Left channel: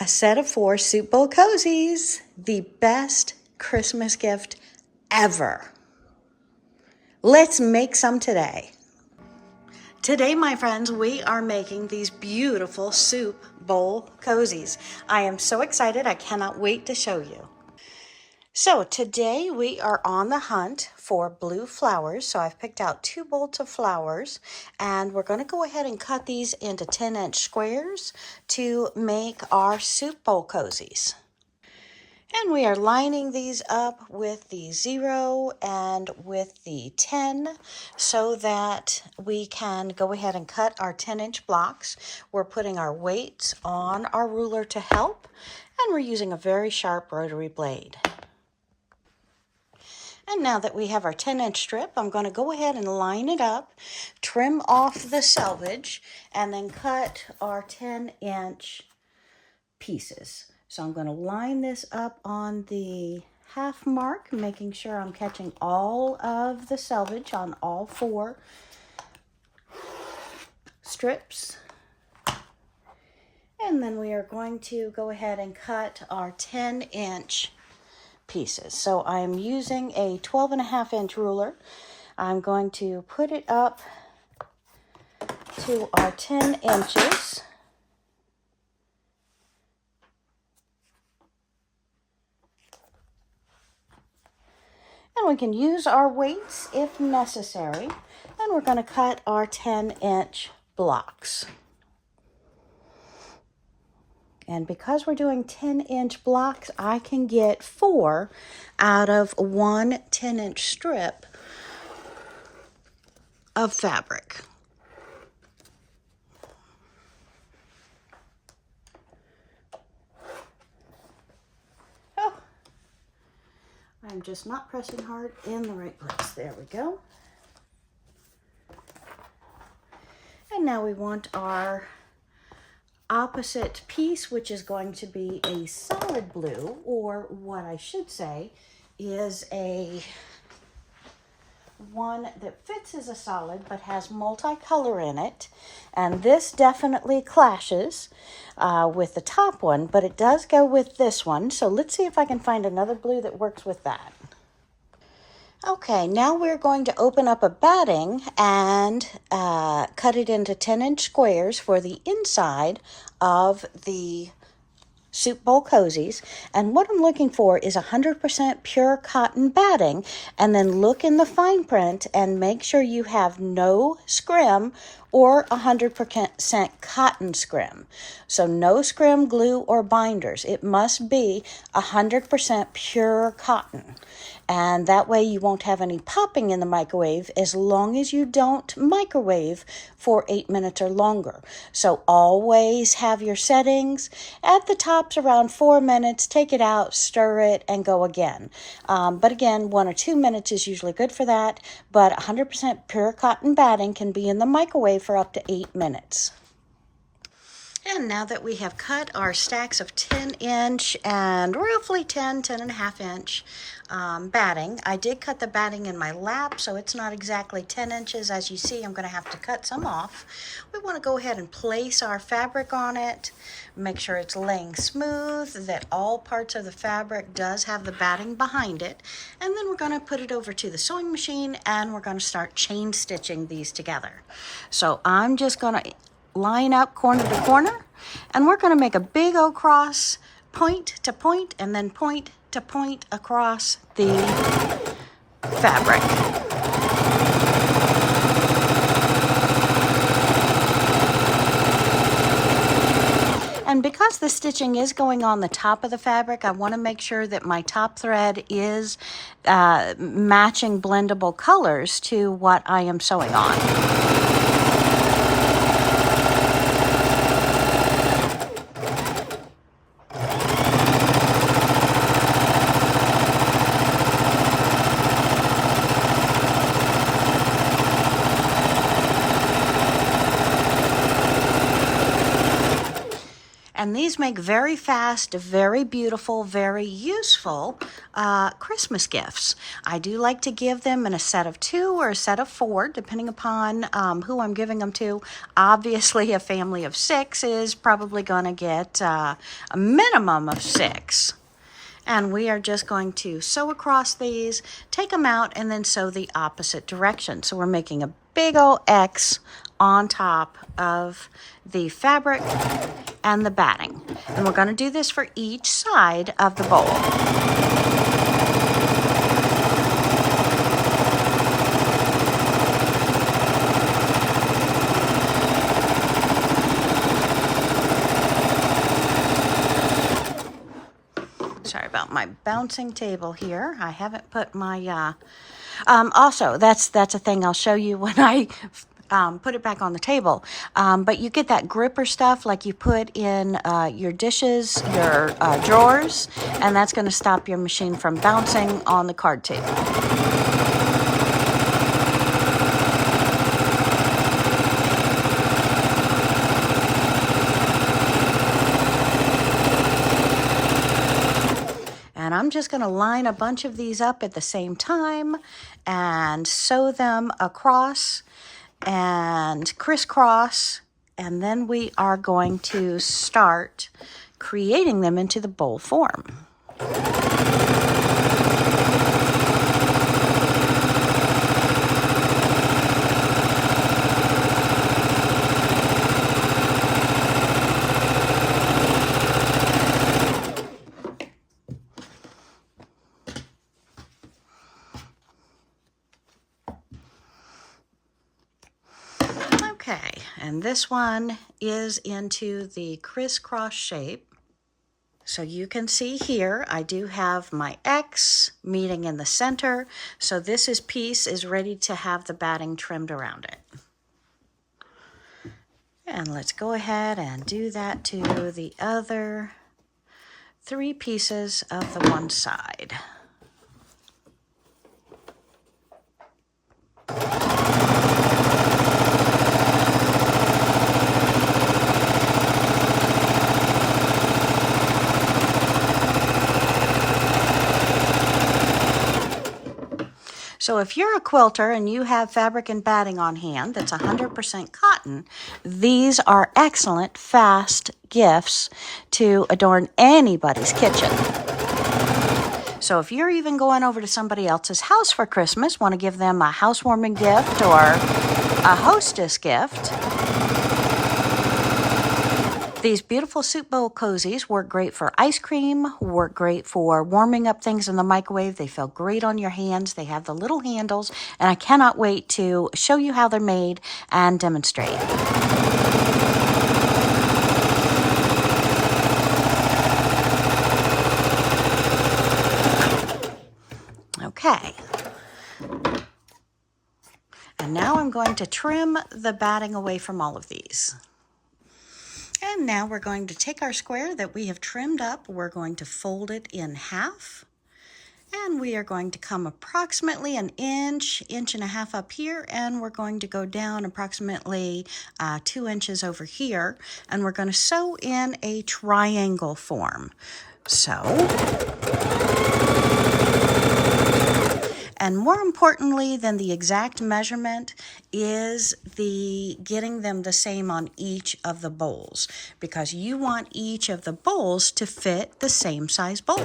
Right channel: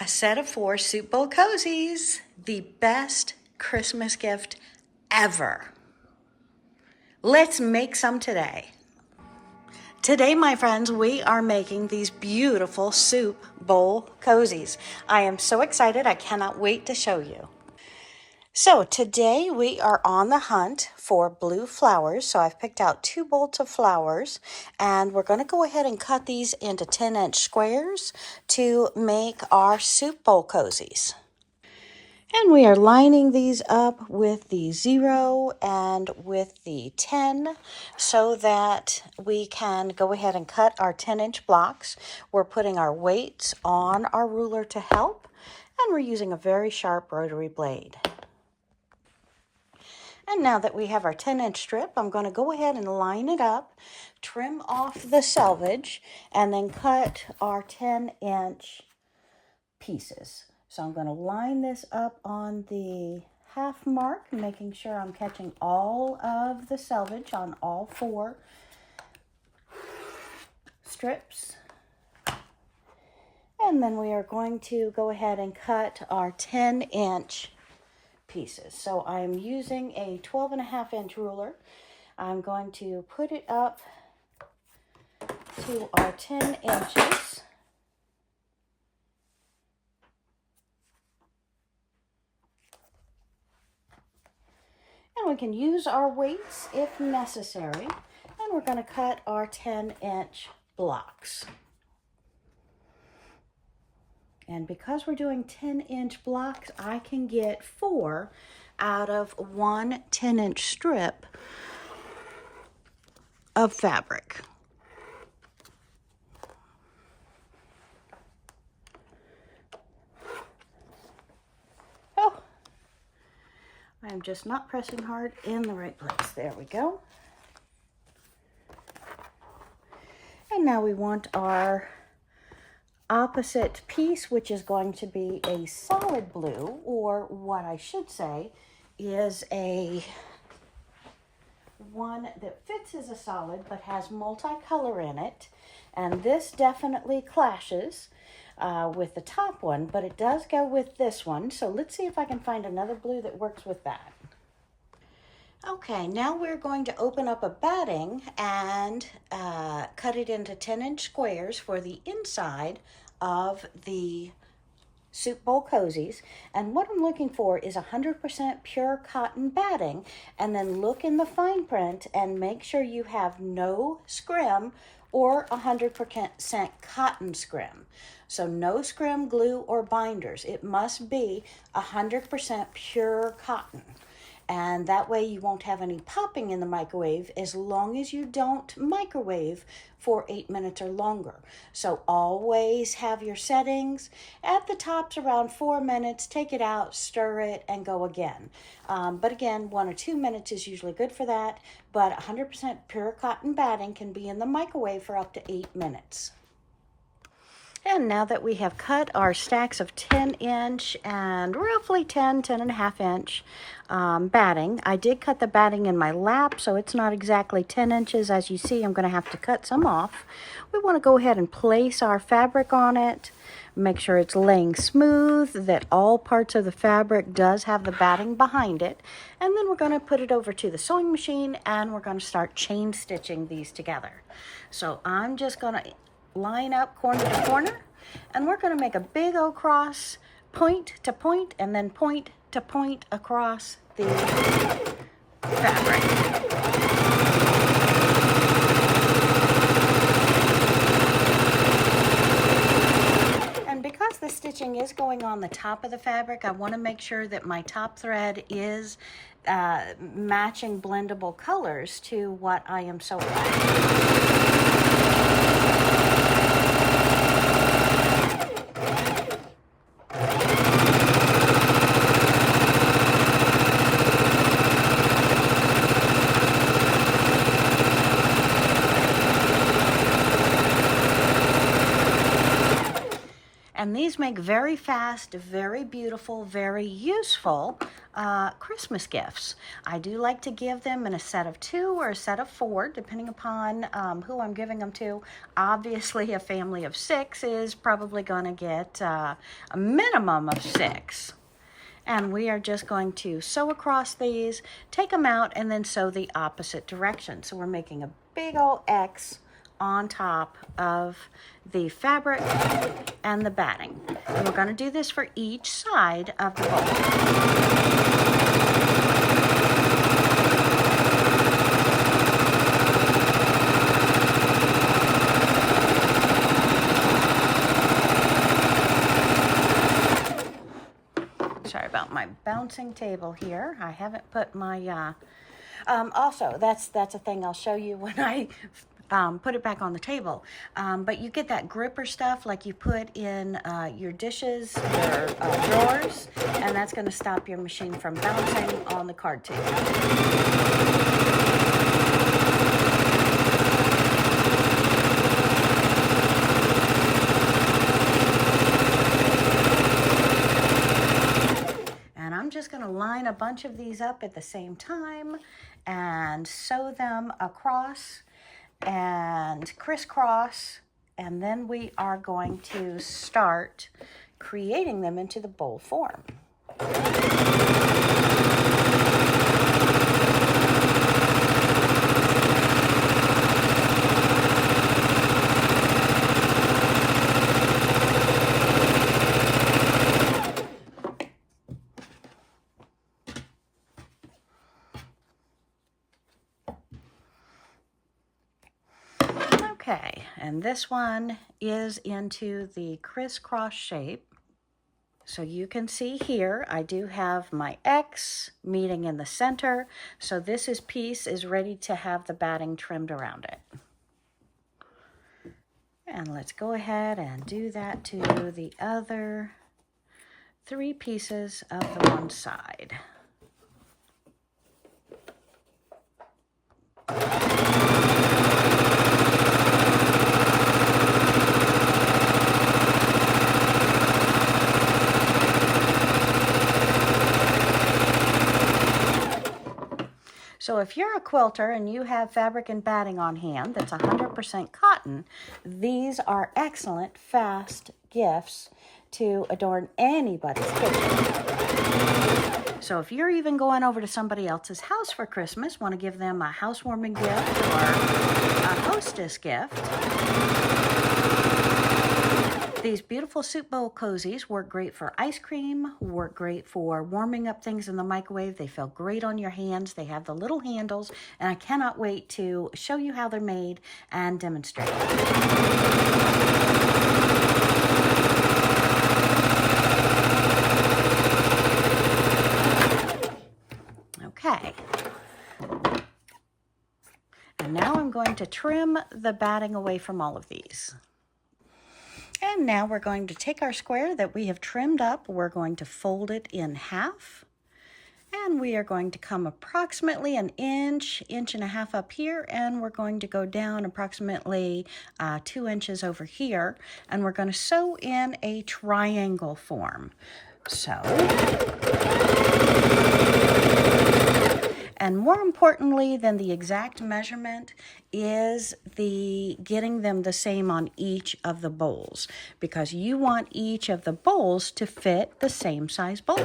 A set of 4 soup bowl cozies, the best Christmas gift ever. Let's make some today. Today, my friends, we are making these beautiful soup bowl cozies. I am so excited, I cannot wait to show you. So today we are on the hunt for blue flowers. So I've picked out 2 bolts of flowers, and we're going to go ahead and cut these into 10-inch squares to make our soup bowl cozies. And we are lining these up with the 0 and with the 10 so that we can go ahead and cut our 10-inch blocks. We're putting our weights on our ruler to help, and we're using a very sharp rotary blade. And now that we have our 10-inch strip, I'm going to go ahead and line it up, trim off the selvage, and then cut our 10-inch pieces. So I'm going to line this up on the half mark, making sure I'm catching all of the selvage on all 4 strips. And then we are going to go ahead and cut our 10-inch pieces. So I am using a 12.5-inch ruler. I'm going to put it up to our 10 inches. And we can use our weights if necessary. And we're going to cut our 10-inch blocks. And because we're doing 10-inch blocks, I can get 4 out of one 10-inch strip of fabric. Oh, I'm just not pressing hard in the right place. There we go. And now we want our opposite piece, which is going to be a solid blue, or what I should say is a one that fits as a solid but has multicolor in it. And this definitely clashes with the top one, but it does go with this one. So let's see if I can find another blue that works with that. Okay, now we're going to open up a batting and cut it into 10-inch squares for the inside of the soup bowl cozies. And what I'm looking for is 100% pure cotton batting, and then look in the fine print and make sure you have no scrim or 100% cotton scrim. So no scrim, glue, or binders. It must be 100% pure cotton. And that way you won't have any popping in the microwave as long as you don't microwave for 8 minutes or longer. So always have your settings at the tops around 4 minutes. Take it out, stir it, and go again. But again, 1 or 2 minutes is usually good for that. But 100% pure cotton batting can be in the microwave for up to 8 minutes. And now that we have cut our stacks of 10-inch and roughly 10.5-inch batting, I did cut the batting in my lap, so it's not exactly 10 inches. As you see, I'm going to have to cut some off. We want to go ahead and place our fabric on it, make sure it's laying smooth, that all parts of the fabric does have the batting behind it, and then we're going to put it over to the sewing machine and we're going to start chain stitching these together. So I'm just going to line up corner to corner, and we're going to make a big O cross, point to point, and then point to point across the fabric. And because the stitching is going on the top of the fabric, I want to make sure that my top thread is matching blendable colors to what I am sewing on. And these make very fast, very beautiful, very useful Christmas gifts. I do like to give them in a set of 2 or a set of 4, depending upon who I'm giving them to. Obviously, a family of 6 is probably going to get a minimum of 6. And we are just going to sew across these, take them out, and then sew the opposite direction. So we're making a big old X on top of the fabric and the batting. And we're going to do this for each side of the bowl. Sorry about my bouncing table here. I haven't put my, also, that's a thing I'll show you when I put it back on the table. But you get that gripper stuff like you put in your dishes, your drawers, and that's going to stop your machine from bouncing on the card table. And I'm just going to line a bunch of these up at the same time and sew them across and crisscross, and then we are going to start creating them into the bowl form. Okay, and this one is into the crisscross shape. So you can see here, I do have my X meeting in the center. So this piece is ready to have the batting trimmed around it. And let's go ahead and do that to the other 3 pieces of the one side. So if you're a quilter and you have fabric and batting on hand that's 100% cotton, these are excellent, fast gifts to adorn anybody's kitchen. So if you're even going over to somebody else's house for Christmas, want to give them a housewarming gift or a hostess gift, these beautiful soup bowl cozies work great for ice cream, work great for warming up things in the microwave. They feel great on your hands. They have the little handles, and I cannot wait to show you how they're made and demonstrate. Okay. And now I'm going to trim the batting away from all of these. And now we're going to take our square that we have trimmed up, we're going to fold it in half, and we are going to come approximately an inch, inch and a half up here, and we're going to go down approximately 2 inches over here, and we're going to sew in a triangle form. So, and more importantly than the exact measurement is the getting them the same on each of the bowls, because you want each of the bowls to fit the same size bowl.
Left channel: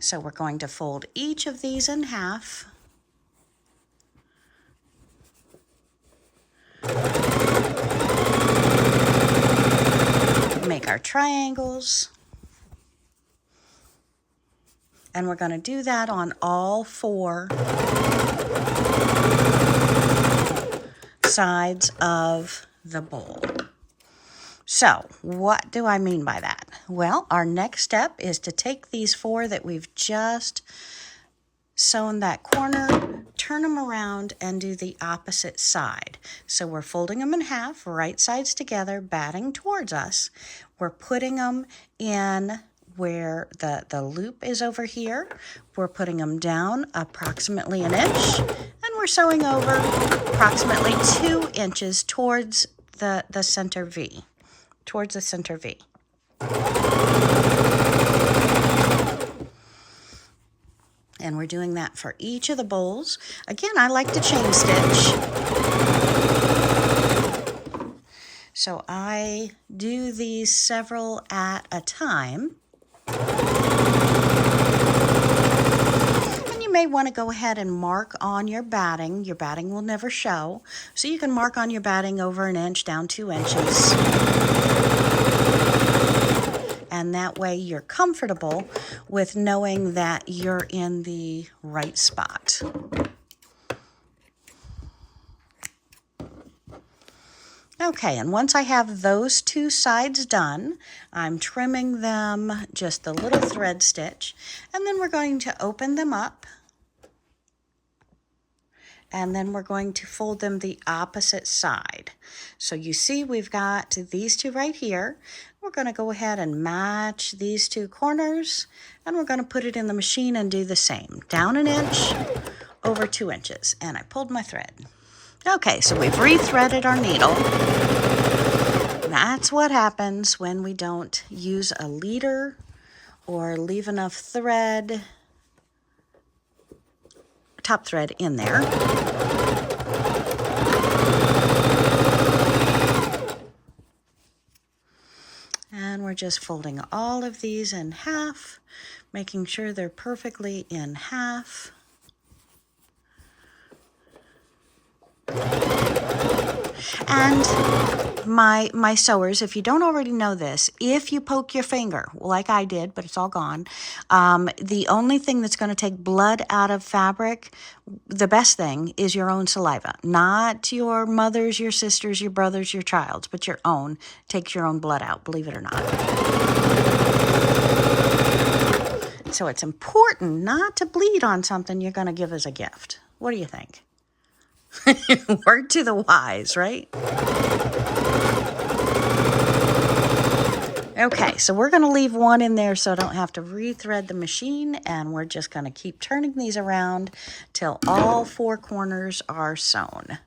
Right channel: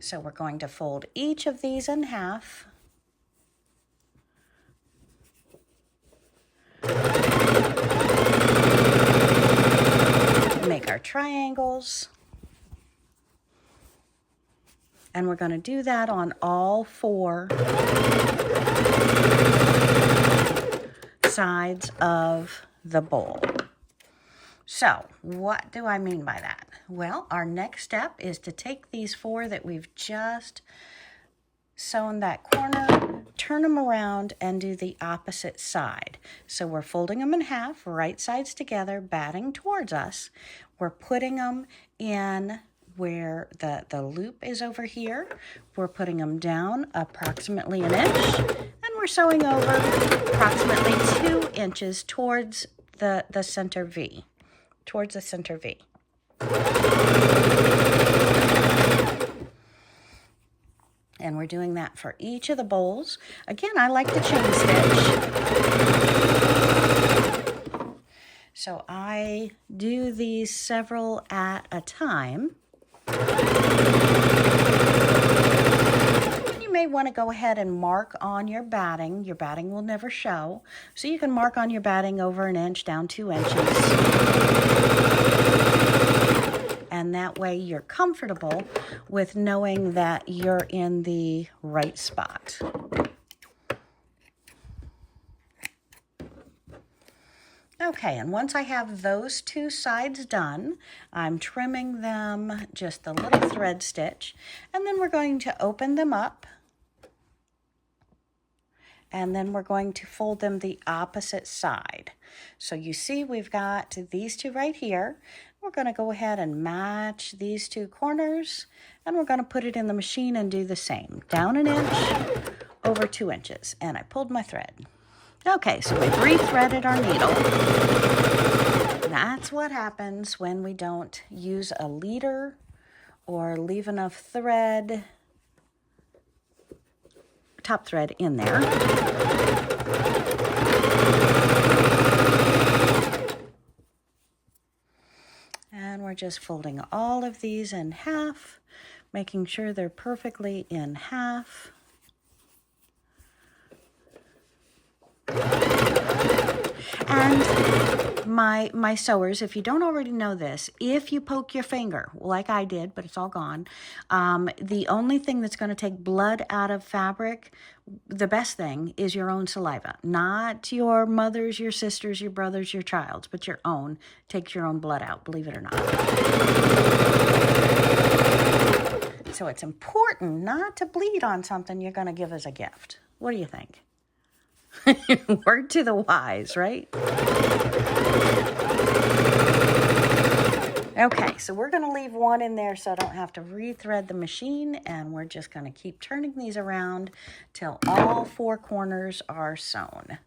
So we're going to fold each of these in half. Make our triangles. And we're going to do that on all 4 sides of the bowl. So, what do I mean by that? Well, our next step is to take these 4 that we've just sewn that corner, turn them around, and do the opposite side. So we're folding them in half, right sides together, batting towards us. We're putting them in where the loop is over here. We're putting them down approximately an inch, and we're sewing over approximately 2 inches towards the center V, towards the center V. And we're doing that for each of the bowls. Again, I like to chain stitch. So I do these several at a time. And you may want to go ahead and mark on your batting. Your batting will never show. So you can mark on your batting over 1 inch, down 2 inches. And that way you're comfortable with knowing that you're in the right spot. Okay, and once I have those 2 sides done, I'm trimming them just a little thread stitch, and then we're going to open them up, and then we're going to fold them the opposite side. So you see we've got these 2 right here. We're going to go ahead and match these 2 corners, and we're going to put it in the machine and do the same. Down 1 inch, over 2 inches, and I pulled my thread. Okay, so we've re-threaded our needle. That's what happens when we don't use a leader or leave enough thread, top thread in there. And we're just folding all of these in half, making sure they're perfectly in half. And my sewers, if you don't already know this, if you poke your finger, like I did, but it's all gone, the only thing that's going to take blood out of fabric, the best thing, is your own saliva. Not your mother's, your sister's, your brother's, your child's, but your own. Takes your own blood out, believe it or not. So it's important not to bleed on something you're going to give as a gift. What do you think? Word to the wise, right? Okay, so we're going to leave one in there so I don't have to re-thread the machine, and we're just going to keep turning these around till all 4 corners are sewn.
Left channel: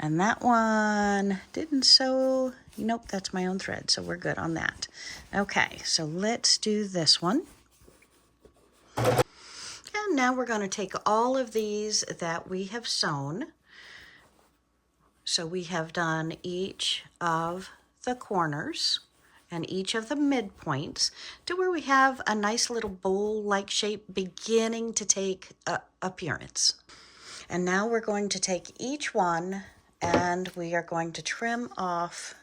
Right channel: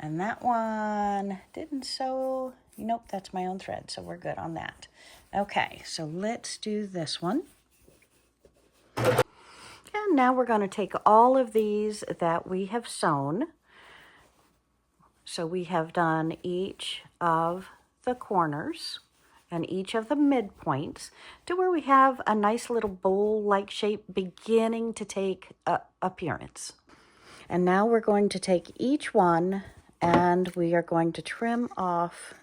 And that one didn't sew. Nope, that's my own thread, so we're good on that. Okay, so let's do this one. And now we're going to take all of these that we have sewn. So we have done each of the corners and each of the midpoints to where we have a nice little bowl-like shape beginning to take appearance. And now we're going to take each one and we are going to trim off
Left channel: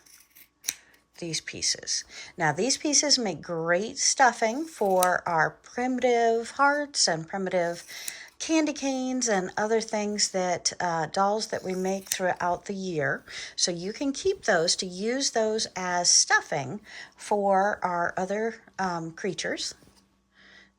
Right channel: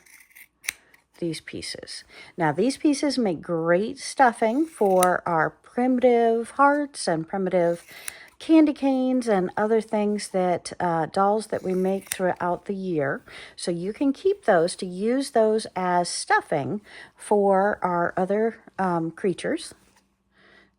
these pieces. Now these pieces make great stuffing for our primitive hearts and primitive candy canes and other things that dolls that we make throughout the year. So you can keep those to use those as stuffing for our other creatures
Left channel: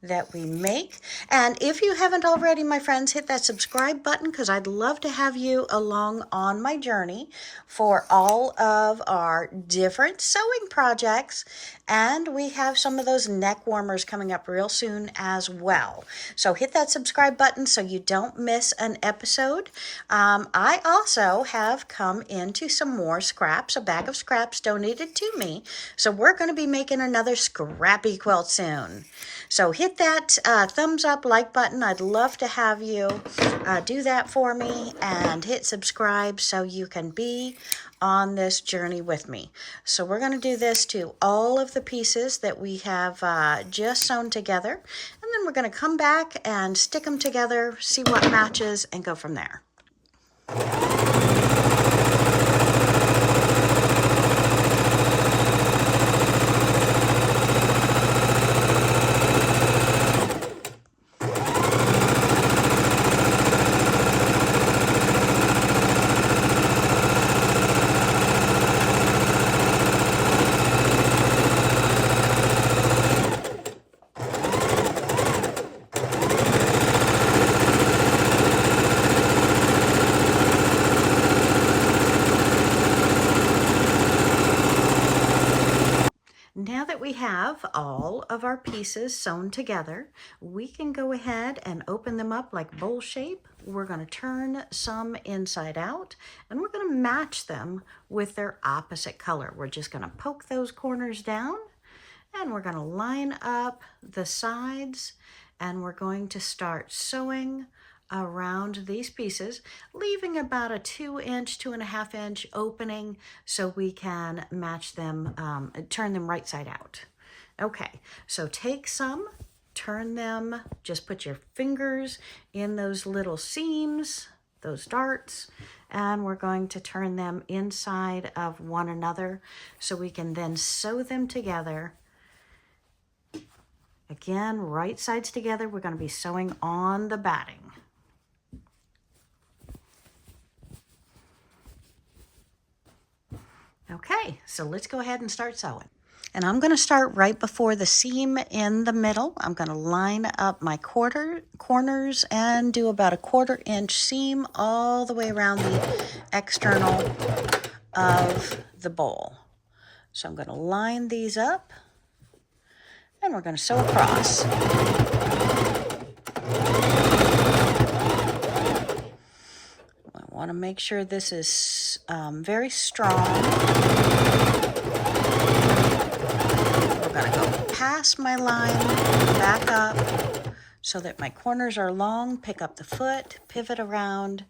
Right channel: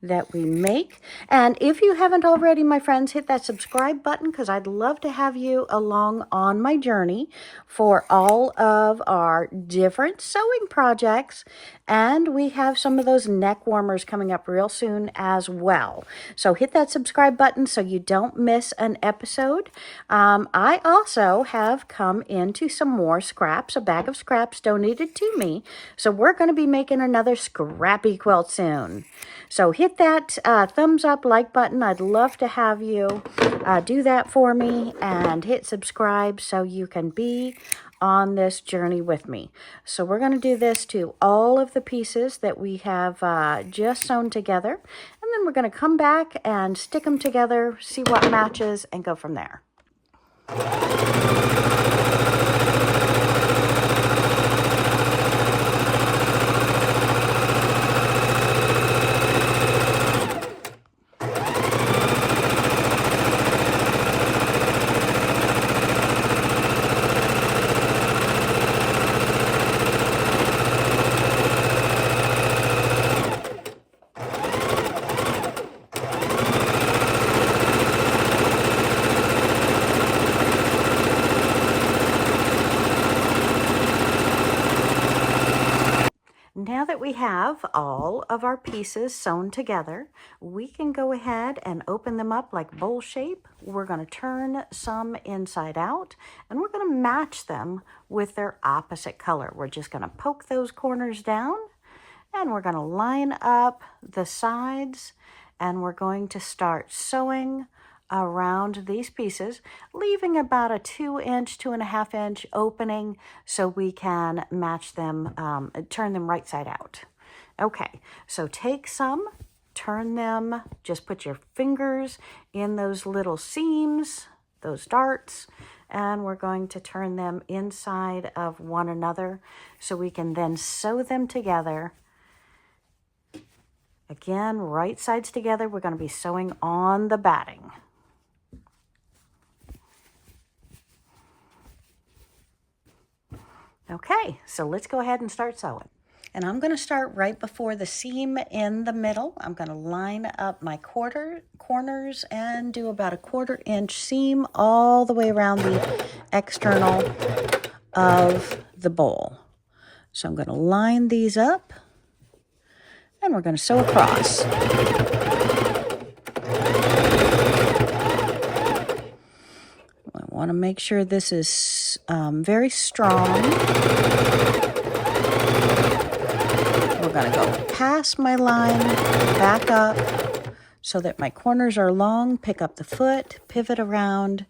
that we make. And if you haven't already, my friends, hit that subscribe button, because I'd love to have you along on my journey for all of our different sewing projects. And we have some of those neck warmers coming up real soon as well. So hit that subscribe button so you don't miss an episode. I also have come into some more scraps, a bag of scraps donated to me. So we're going to be making another scrappy quilt soon. So hit that thumbs up, like button. I'd love to have you do that for me, and hit subscribe so you can be on this journey with me. So we're going to do this to all of the pieces that we have just sewn together, and then we're going to come back and stick them together, see what matches, and go from there. now that we have all of our pieces sewn together, we can go ahead and open them up like bowl shape. We're going to turn some inside out, and we're going to match them with their opposite color. We're just going to poke those corners down, and we're going to line up the sides, and we're going to start sewing around these pieces, leaving about a 2-inch, 2.5-inch opening so we can match them, turn them right side out. Okay, so take some, turn them, just put your fingers in those little seams, those darts, and we're going to turn them inside of one another so we can then sew them together. Again, right sides together, we're going to be sewing on the batting. Okay, so let's go ahead and start sewing. And I'm going to start right before the seam in the middle. I'm going to line up my corners and do about a 1/4-inch seam all the way around the external of the bowl. So I'm going to line these up, and we're going to sew across. I want to make sure this is very strong. We're going to go past my line, back up so that my corners are long, pick up the foot, pivot around,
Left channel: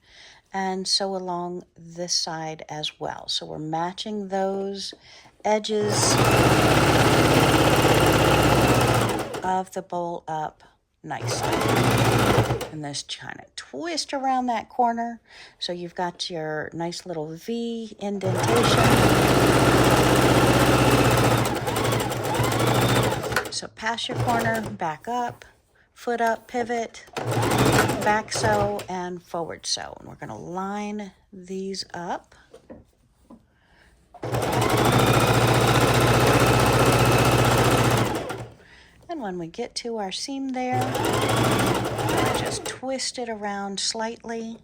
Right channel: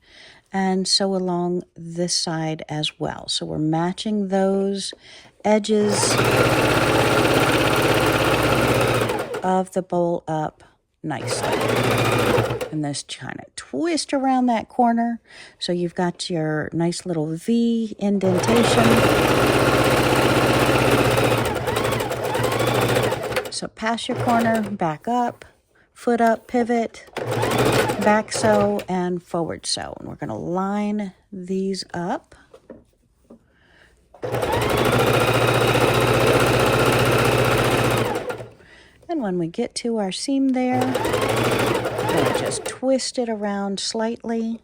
and sew along this side as well. So we're matching those edges of the bowl up nicely. And this kind of twist around that corner so you've got your nice little V indentation. So pass your corner, back up, foot up, pivot, back sew, and forward sew. And we're going to line these up. And when we get to our seam there, just twist it around slightly.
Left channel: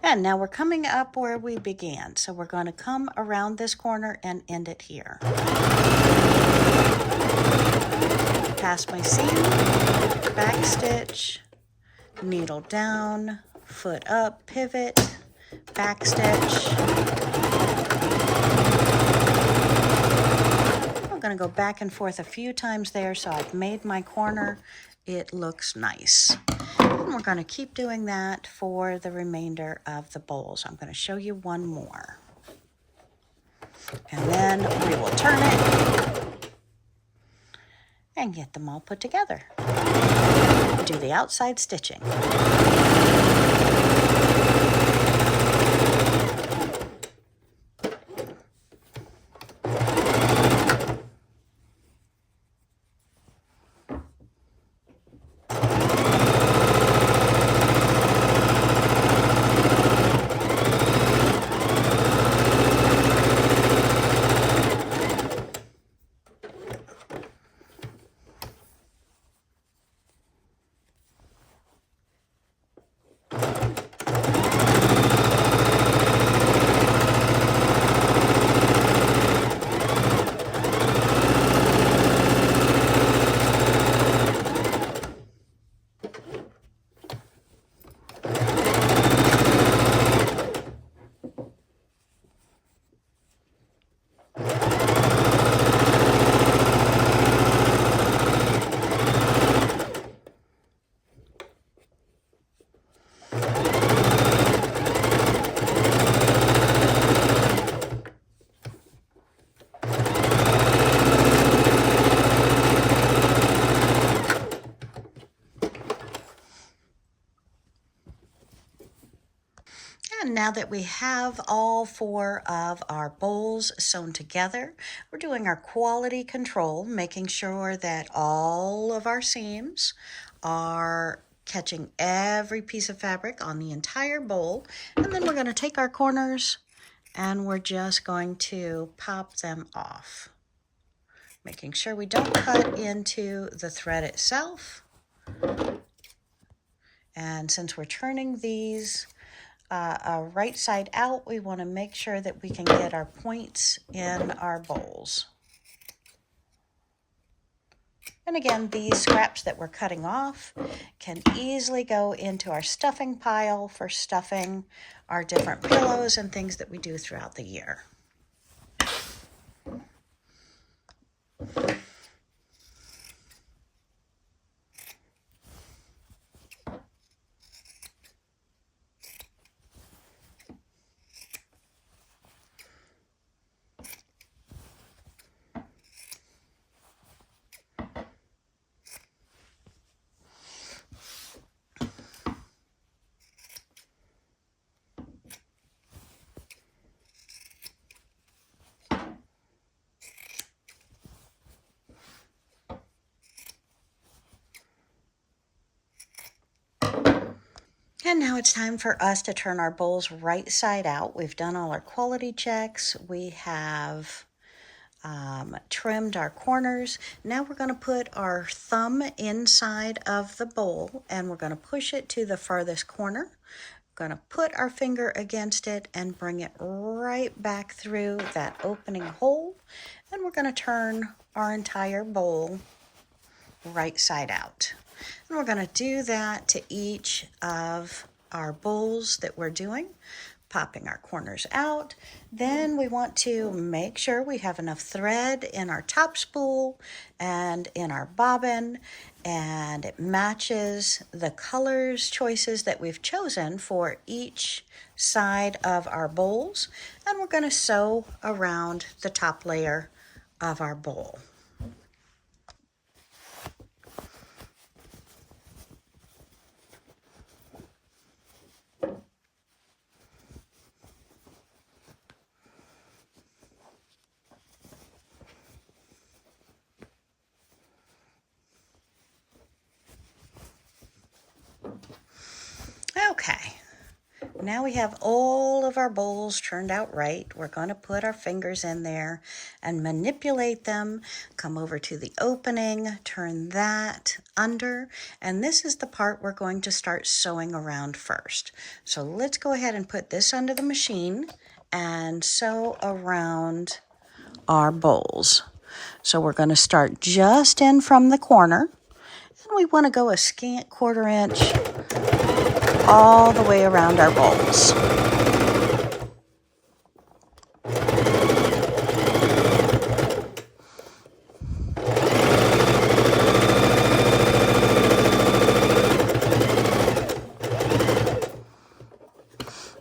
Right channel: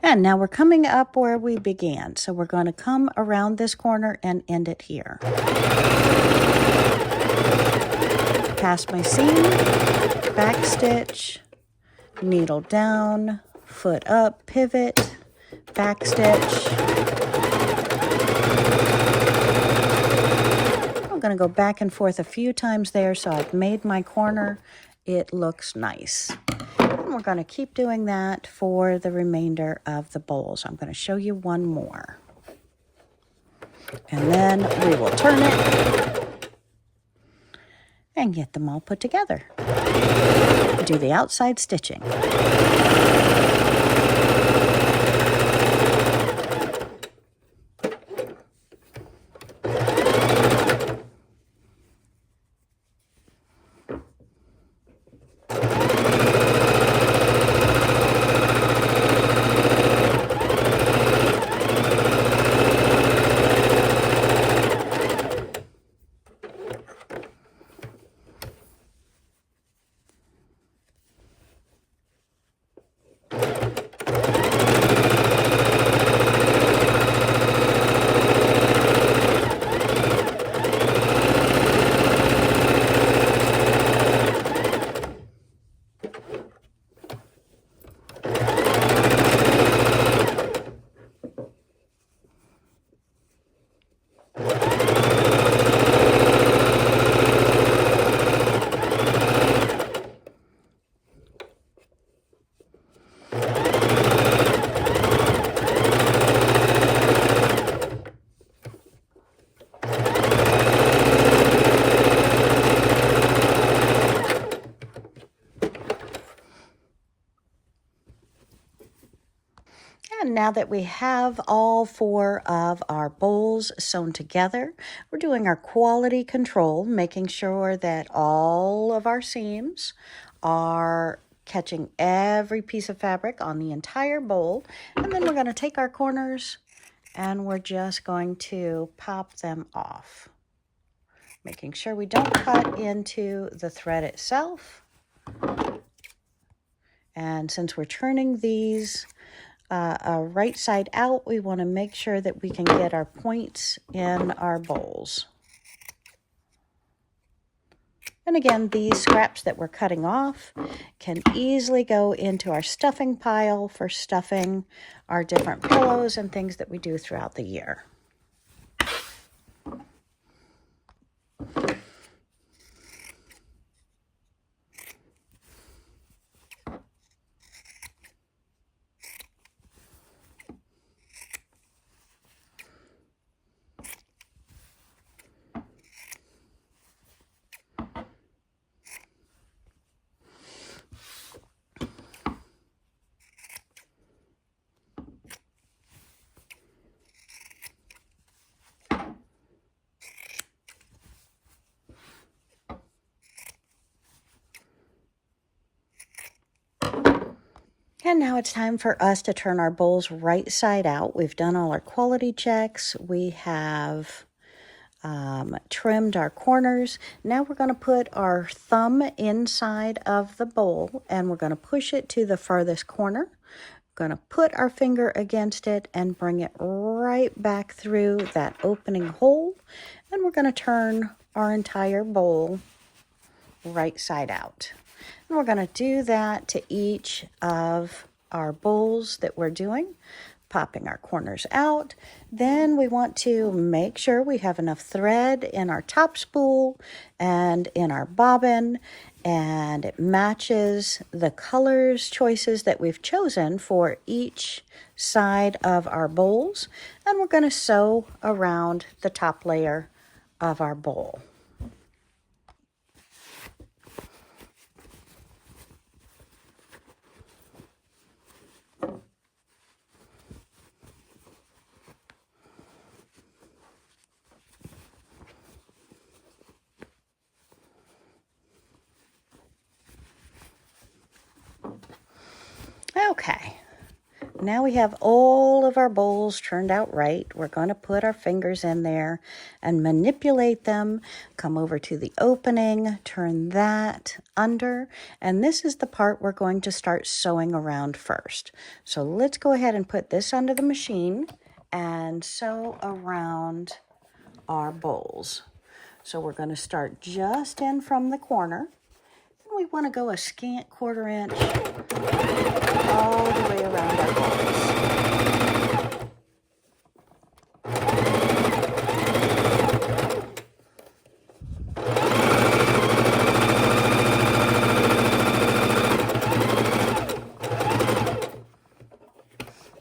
And now we're coming up where we began. So we're going to come around this corner and end it here. Past my seam, back stitch, needle down, foot up, pivot, back stitch. I'm going to go back and forth a few times there so I've made my corner. It looks nice. And we're going to keep doing that for the remainder of the bowls. I'm going to show you one more. And then we will turn it and get them all put together. Do the outside stitching. And now that we have all 4 of our bowls sewn together, we're doing our quality control, making sure that all of our seams are catching every piece of fabric on the entire bowl. And then we're going to take our corners and we're just going to pop them off, making sure we don't cut into the thread itself. And since we're turning these right side out, we want to make sure that we can get our points in our bowls. And again, these scraps that we're cutting off can easily go into our stuffing pile for stuffing our different pillows and things that we do throughout the year. And now it's time for us to turn our bowls right side out. We've done all our quality checks. We have trimmed our corners. Now we're going to put our thumb inside of the bowl and we're going to push it to the farthest corner. We're going to put our finger against it and bring it right back through that opening hole. And we're going to turn our entire bowl right side out. And we're going to do that to each of our bowls that we're doing, popping our corners out. Then we want to make sure we have enough thread in our top spool and in our bobbin, and it matches the colors choices that we've chosen for each side of our bowls. And we're going to sew around the top layer of our bowl. Okay, now we have all of our bowls turned out right. We're going to put our fingers in there and manipulate them. Come over to the opening, turn that under, and this is the part we're going to start sewing around first. So let's go ahead and put this under the machine and sew around our bowls. So we're going to start just in from the corner, and we want to go a scant 1/4 inch all the way around our bowls.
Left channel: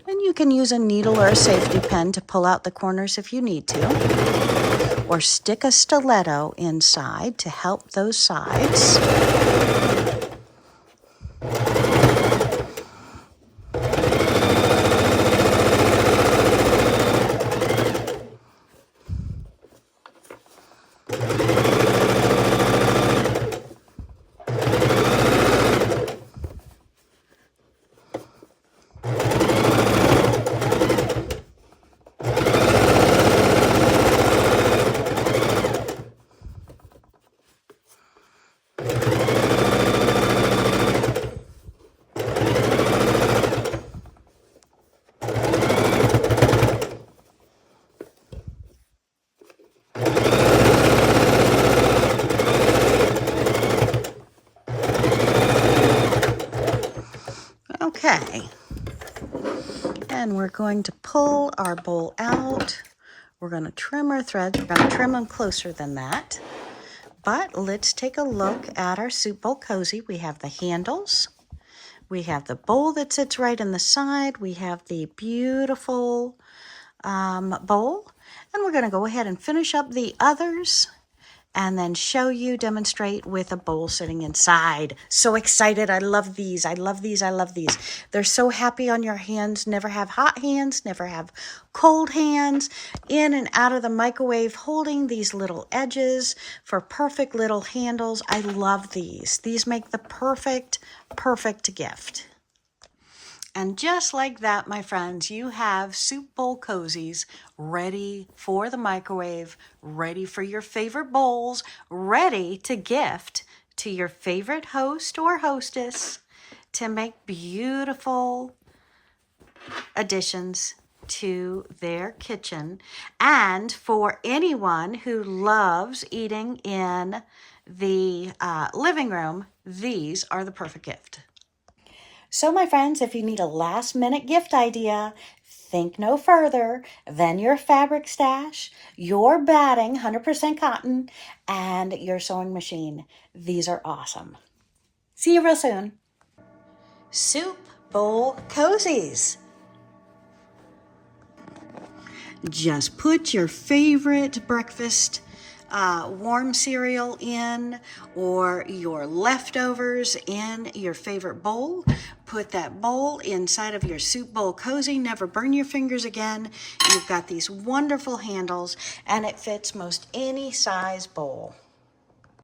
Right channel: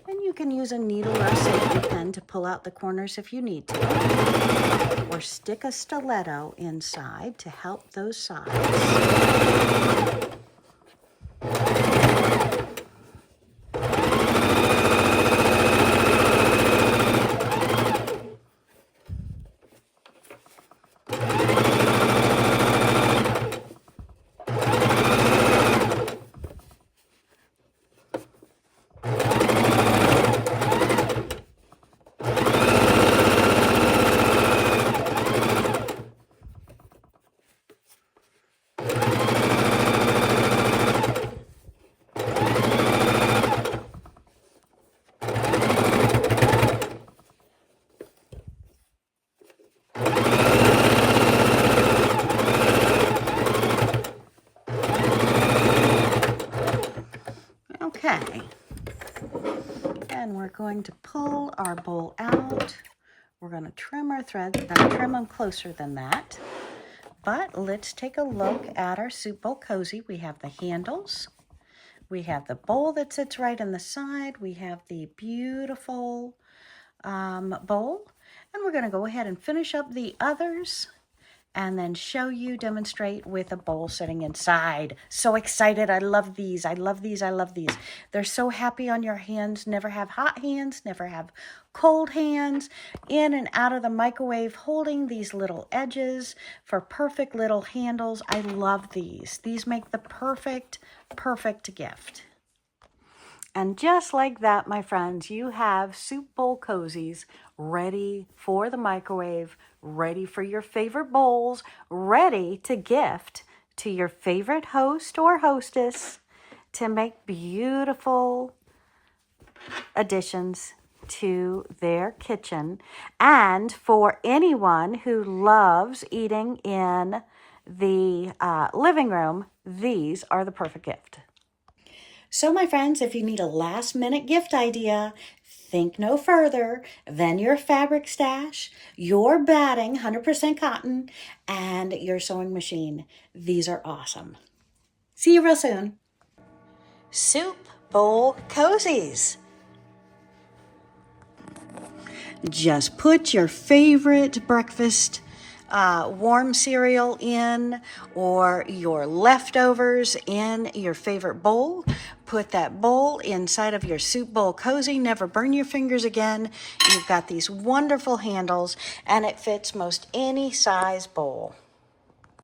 And you can use a needle or a safety pin to pull out the corners if you need to, or stick a stiletto inside to help those sides. Okay, and we're going to pull our bowl out. We're going to trim our threads. We're going to trim them closer than that. But let's take a look at our soup bowl cozy. We have the handles. We have the bowl that sits right in the side. We have the beautiful bowl. And we're going to go ahead and finish up the others and then show you, demonstrate with a bowl sitting inside. So excited. I love these. I love these. I love these. They're so happy on your hands. Never have hot hands. Never have cold hands. In and out of the microwave, holding these little edges for perfect little handles. I love these. These make the perfect gift. And just like that, my friends, you have soup bowl cozies ready for the microwave, ready for your favorite bowls, ready to gift to your favorite host or hostess to make beautiful additions to their kitchen. And for anyone who loves eating in the living room, these are the perfect gift. So, my friends, if you need a last minute gift idea, think no further than your fabric stash, your batting, 100% cotton, and your sewing machine. These are awesome. See you real soon. Soup bowl cozies. Just put your favorite breakfast warm cereal in, or your leftovers in your favorite bowl. Put that bowl inside of your soup bowl cozy. Never burn your fingers again. You've got these wonderful handles, and it fits most any size bowl.